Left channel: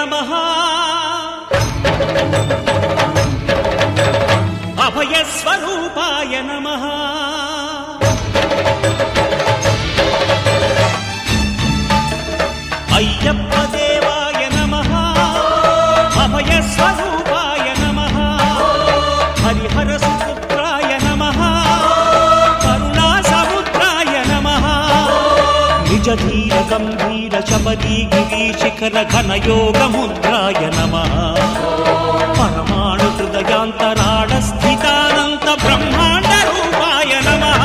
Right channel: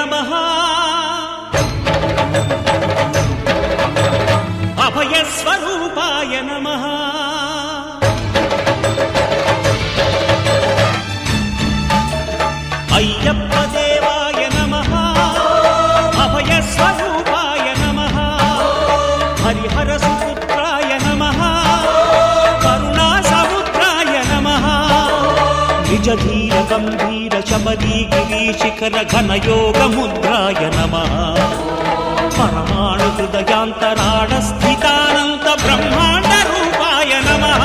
నమః అభయస్వరూపాయ నమః అయ్యప్ప దేవాయ నమః అభయస్వరూపాయ నమః హరిహర సుపుత్రాయ నమః కరుణా సముద్రాయ నమః నిజ ధీర గంభీర శబరీ గిరీశిఖర ఘనయోగ ముద్రాయ నమః పరమాణు హృదయాంతరాళ స్థితానంత బ్రహ్మాండ రూపాయ నమః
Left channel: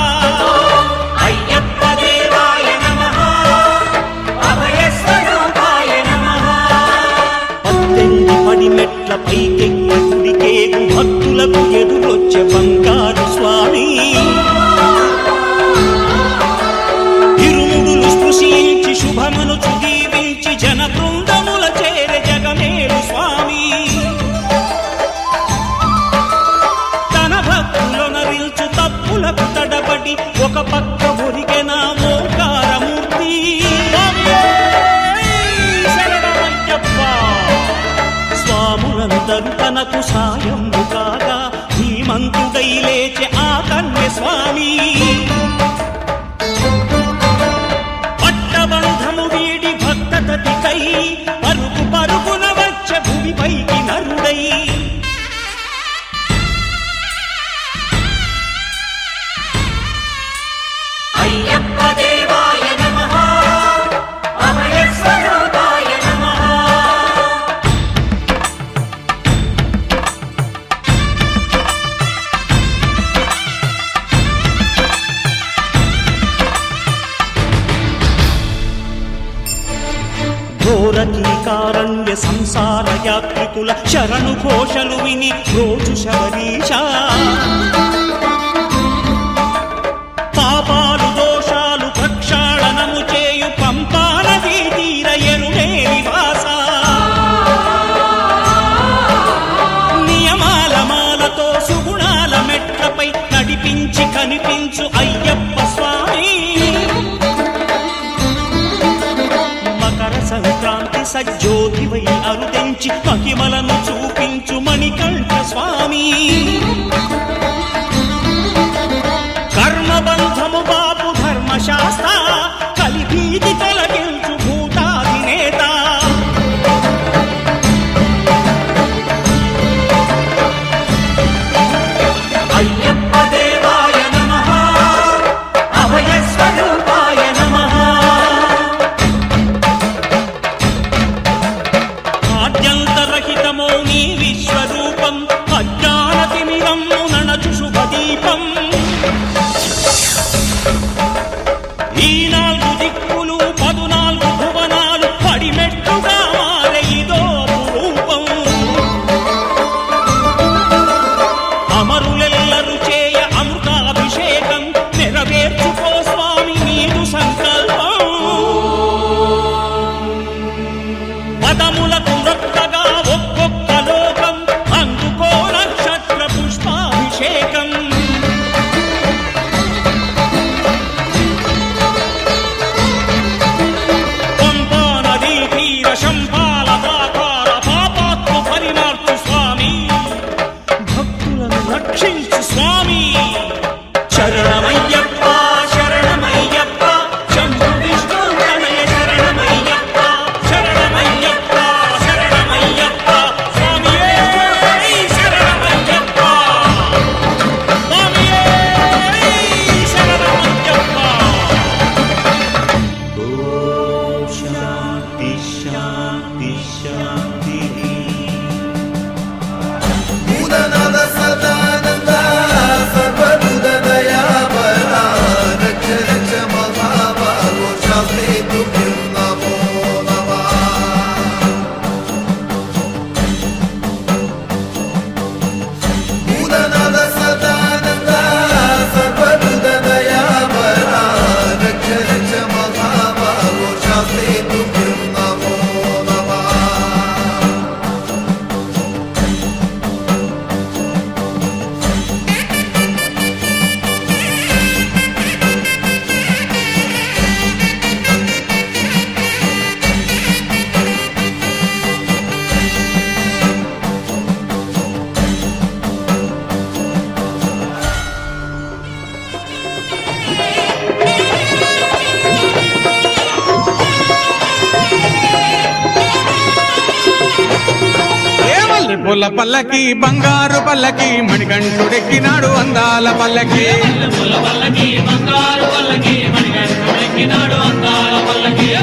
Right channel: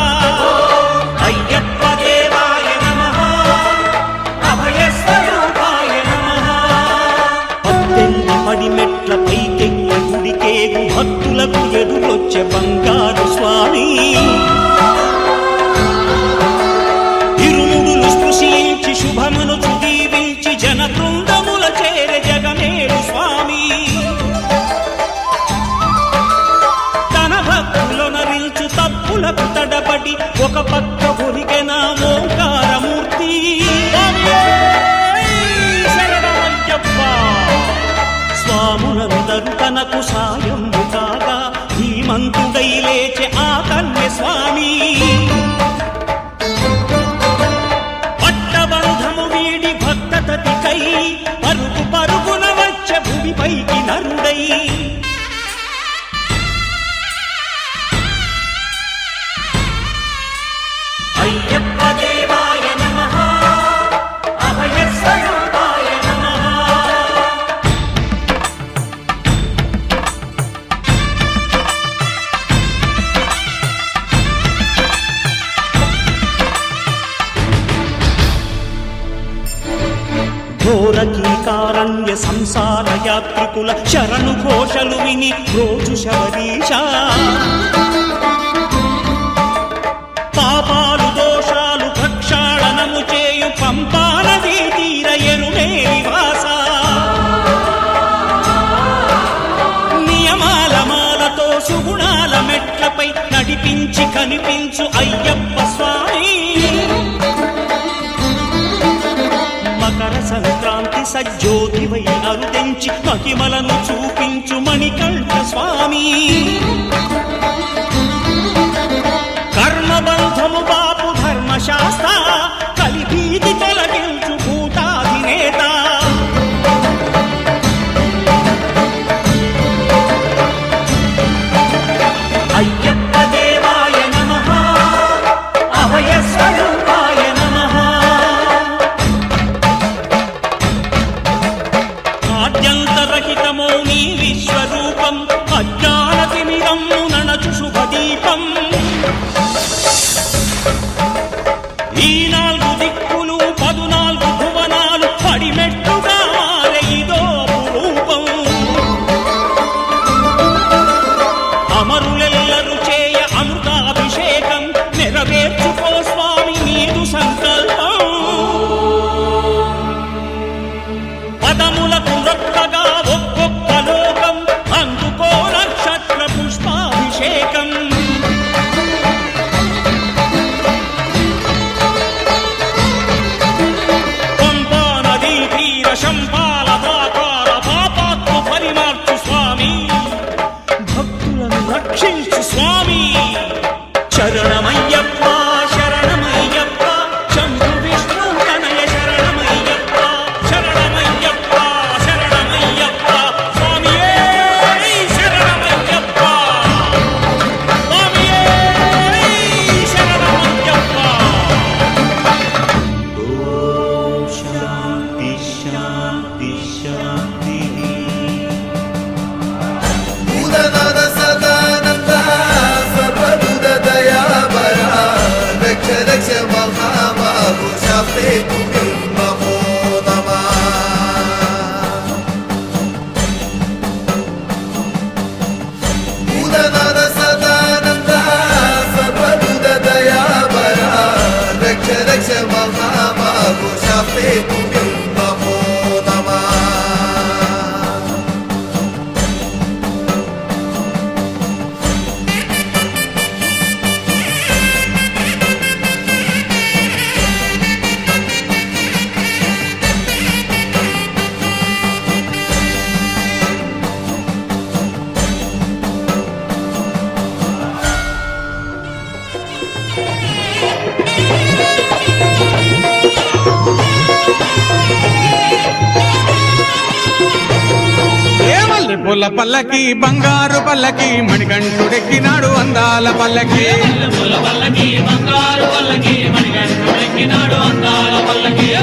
అయ్యప్ప దేవాయ నమః అభయస్వరూపాయ నమః పద్దెనిమిది పడిమెట్ల పైకెక్కి గుడికేగు భక్తులకు ఎదురొచ్చే బంగారు స్వామి ఇరుముడులు స్పృశించి శుభమును దీవించి జన బృందముల చేరే జగమేలు స్వామి భక్తులొనరిల్చు తప్పులకు తడబడి ఒక పక్క ఒరిగెన ఓంకారమూర్తి శరణమయ్యప్ప స్వాములందరూ తనకు సాయము కాగా ధీమంతుడై లేచే ఆ కన్య స్వామి పట్టబంధము వీడి భక్తతతికై పరుగు పరుగున వచ్చే భూమిపైకి నరుడై అయ్యప్ప దేవాయ నమః అభయస్వరూపాయ నమః ఘోరకీకారణ్య సంసార యాత్రికుల శరణు ఘోషలు విని రోజు శబరీశ పాపాలు దోషాలు ప్రక్షాళనము చేయు పంపానదీ తీర ఎరుమే నివాస నియమాల మాలతో సుగుణాల మెట్లపై నడిపించి కనిపించు అయ్యప్ప స్వామి మకర సంక్రాంతి సజ్జోతివై అరుదెంచి మహిమలను చూపించు మణికంఠ స్వామి కర్మబంధము బాపు ధర్మశాస్త్ర కలిభీతి తొలగించు భూతాధినేత అయ్యప్ప దేవాయ నమః అభయస్వరూపాయ నమః ఆద్యంతరహితమో నీ విశ్వరూపం అజ్ఞానతిమిరము నణచు శుభదీపం ఈ నాలుగు దిక్కులు 14 భువనాలు పడిమెట్టుగా మారే ఇదో రూపం అమరులెల్లరు చేయ అమృతాభిషేకం నెరవేర్చుకో స్వామి నీదు సంకల్పం పదములకు రొక్కగా ఒక్కొక్క లోకం అందుకో నక్షత్ర పుష్పాభిషేకం శంపాల దాకార పాపాత్మ పరిమార్చు స్వామి భక్తులను రక్షించు స్వామి శరణమయ్యప్ప శరణమయ్యప్ప శంభు విష్ణు తనయ శరణమయ్యప్ప శరణమయ్యప్ప శరణమయ్యప్ప స్వామియే శరణమయ్యప్ప స్వామియే శరణమయ్యప్ప ఓం శాంతి శాంతి శాంతి సదానంద మల్లెపూల పల్లకి బంగారు పల్లకి మణికంఠుడెక్కినాడు అందాల పల్లకి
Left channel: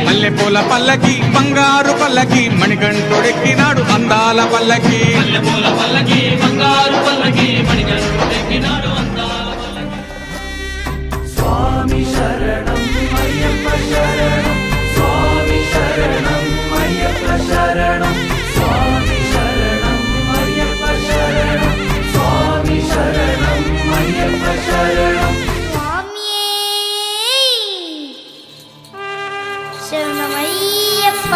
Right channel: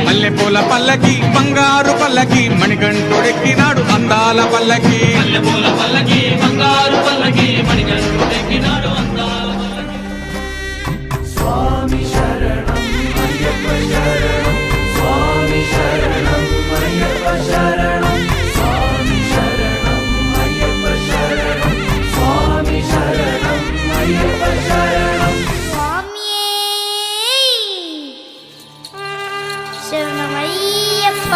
మల్లెపూల పల్లకి బంగారు పల్లకి మణికంఠుడెక్కినాడు అందాల పల్లకి శరణమయ్యప్ప.